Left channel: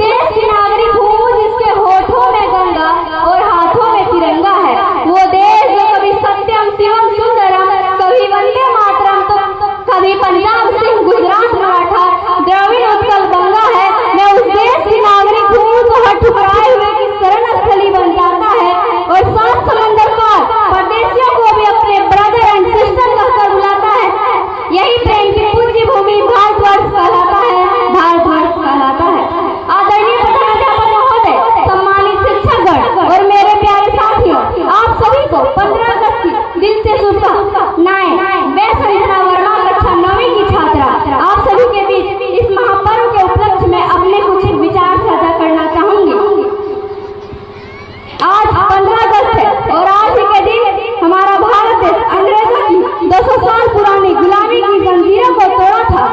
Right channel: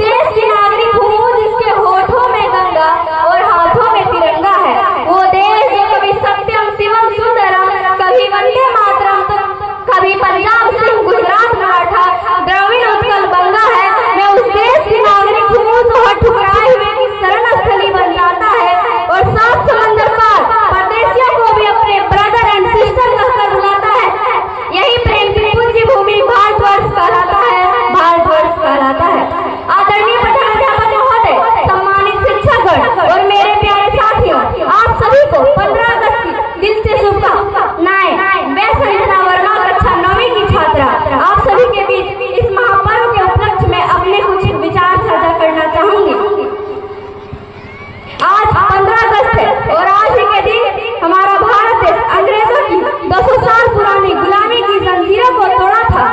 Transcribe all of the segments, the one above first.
देश की नागरिक हूँ जिसके होठों में गंगा और हाथों में तिरंगा है। वो देश जो कभी सत्यम शिवम सुंदरम, कभी वंदे मातरम, तो कभी पंजाब सिंह गुजरात मराठा द्रविड़ उत्कल बंगा है। मैं उस देश की नागरिक हूँ जो हर ठुकराए हुए की शरण स्थली बन जाता है और सात समंदर पार परदेशियों को भी अपने ब्रदर एंड सिस्टर कहकर बुलाता है। यही प्रेम की पूज्य भूमि भारतवर्ष कहलाता है, भारतवर्ष कहलाता है। आदरणीय प्रधानाध्यापक महोदय, सम्मानित शिक्षकगण और मेरे प्यारे साथियों, आप सभी को 15 अगस्त की दिल से शुभकामनाएं। मैं संजना वर्मा, कक्षा 9वीं की छात्रा, आप सभी के बीच इस महापर्व के उपलक्ष्य में अपने कुछ विचार साझा करना चाहूंगी। आज 15 अगस्त है और आज ही के दिन हमारा भारत देश अंग्रेजों की 200 साल पुरानी गुलामी की जंजीरों को तोड़ा था।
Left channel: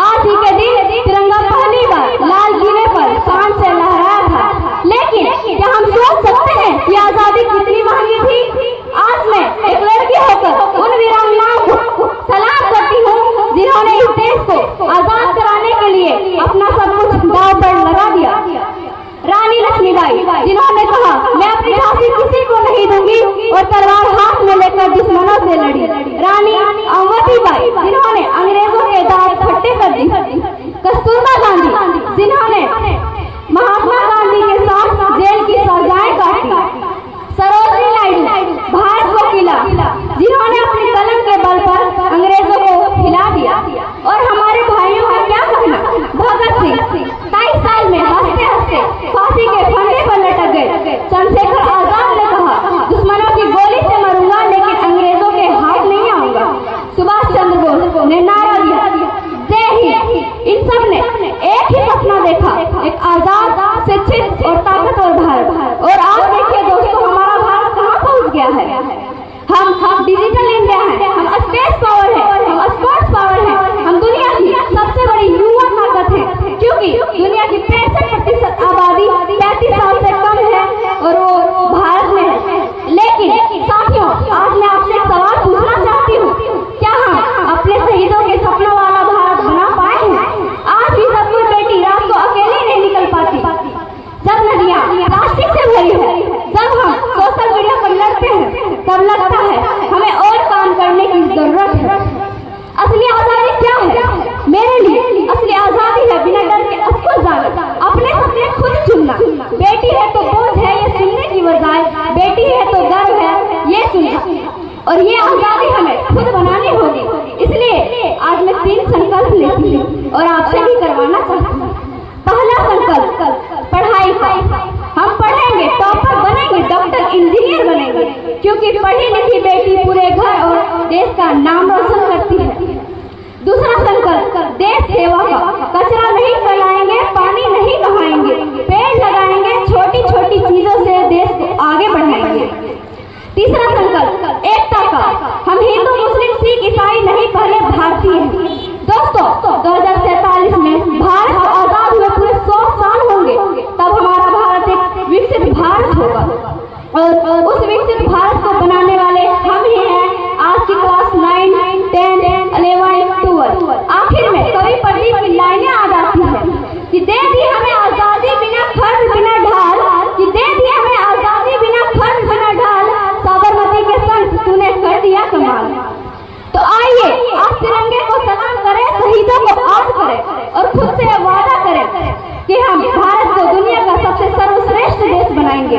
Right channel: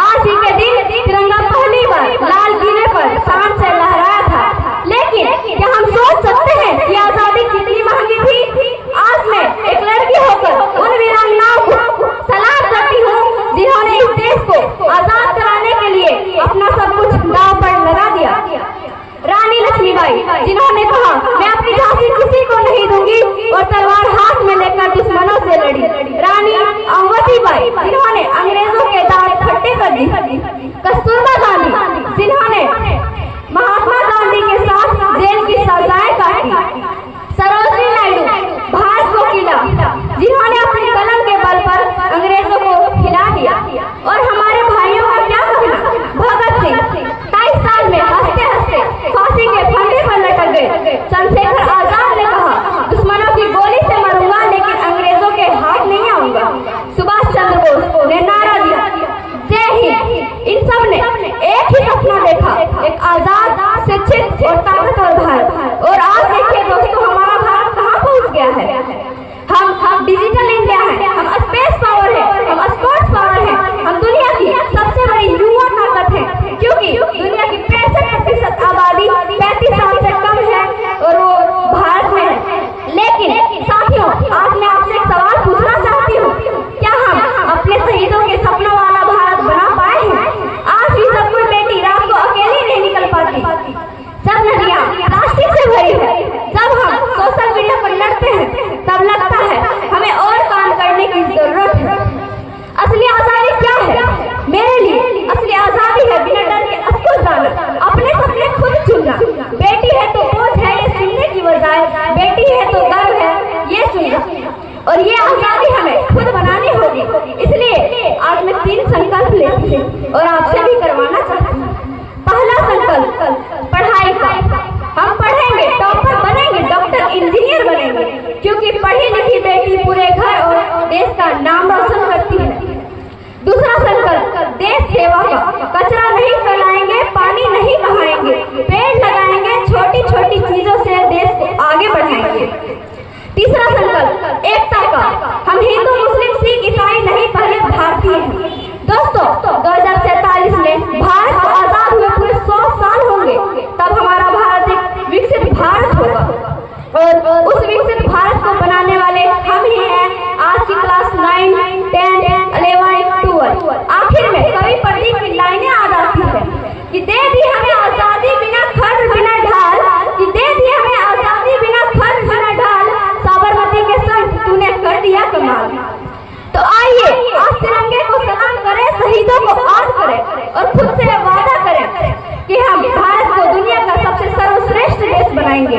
आज ही के दिन तिरंगा पहली बार लाल किले पर शान से लहराया था। लेकिन क्या हम सोच सकते हैं कि आजादी कितनी महंगी थी? आज मैं एक लड़की होकर उन वीरांगनाओं को सलाम करती हूँ जिन्होंने इस देश को आजाद कराने के लिए अपना सब कुछ दांव पर लगा दिया। रानी लक्ष्मीबाई, जिन्होंने कहा मैं अपनी झांसी किसी को नहीं दूंगी और तलवार हाथ में लेकर दुश्मनों से लड़ी। रानी अवंतीबाई, जिन्होंने अंग्रेजों के दांत खट्टे कर दिए। कस्तूरबा गांधी, जिन्होंने महात्मा गांधी के साथ जेल की सजाएं काटी। सरोजिनी नायडू, भारत को किला, जिन्होंने अपनी कलम के बल पर अंग्रेजों को हिला दिया। और हमारे भाइयों का क्या कहना, भगत सिंह 23 साल में हंसते हंसते फांसी के फंदे पर लटक गए। चंद्रशेखर आजाद ने कहा दुश्मनों की गोली से मरूंगा लेकिन अंग्रेजों के हाथ नहीं आऊंगा। सुभाष चंद्र बोस ने नारा दिया जय हिंद। इन सब ने एक ही सपना देखा, एक आजाद, शिक्षित और ताकतवर भारत। और आज देखिए दोस्तों, हमारा भारत कहाँ पहुँच गया है। हम डिजिटल इंडिया है, हम स्पेस पावर है, हम स्पोर्ट्स पावर है, हम दुनिया की सबसे बड़ी युवा ताकत है, क्योंकि दुनिया की 65% आबादी 35 साल से कम है और वो भारत में है। लेकिन साथियों, आज मैं आपसे एक सवाल पूछना चाहती हूँ, क्या हम अपने शहीदों के सपनों वाला भारत बना पाए हैं? आज भी सब कोई बेटी रात को अकेली नहीं निकल पाती, सब नदियाँ प्लास्टिक से भरी है। जब हम सोशल मीडिया पर लड़ते हैं तब लगता है हमें और काम करने की जरूरत है। असली आजादी क्या है? मेरे लिए असली आजादी है बिना डर के अस्कुल जाना, अपने सपने खुद चुनना। बेटी है तो बोझ है ये सुनने की बजाय बेटी है तो गर्व है ये सुनना। और ये आजादी हमें खुद बनानी होगी। इसलिए आज मैं 3 संकल्प लेती हूँ और आपसे भी करवाना चाहती हूँ। पहला संकल्प पढ़ाई का। हम पढ़ेंगे, टॉपर बनेंगे, डॉक्टर, इंजीनियर बनेंगे, क्योंकि पढ़ी लिखी बेटी पूरे घर और देश का नाम रोशन करती है। दूसरा संकल्प देश सेवा का। कचरा नहीं फैलाएंगे, पानी नहीं बहाएंगे, पेड़ लगाएंगे, छोटी छोटी चीजों से देश को आगे बढ़ाएंगे। तीसरा संकल्प एकता का। हम हिंदू, मुस्लिम, सिख, ईसाई नहीं, पहले भारतीय हैं। दोस्तों, 2047 में भारत आजाद हुए पूरे 100 साल होंगे, तब हमारा भारत एक विकसित भारत होगा और उस विकसित भारत को बनाने वाले हम ही हैं। आज की क्लास 9, 10, 11, 12। आखिर में कवि प्रदीप की लाइनें आ जाती है कि दे दी हमें आजादी बिना खर्च बिना ढाल, कि दे दी हमें आजादी बिना खर्च बिना ढाल, साबरमती के संग तूने कर दिया कमाल। तो आइए आज तिरंगे को सलाम करें, शहीदों को याद करें और खुद से वादा करें कि हम भारत को दुनिया का सबसे सर्वश्रेष्ठ देश बनाएंगे।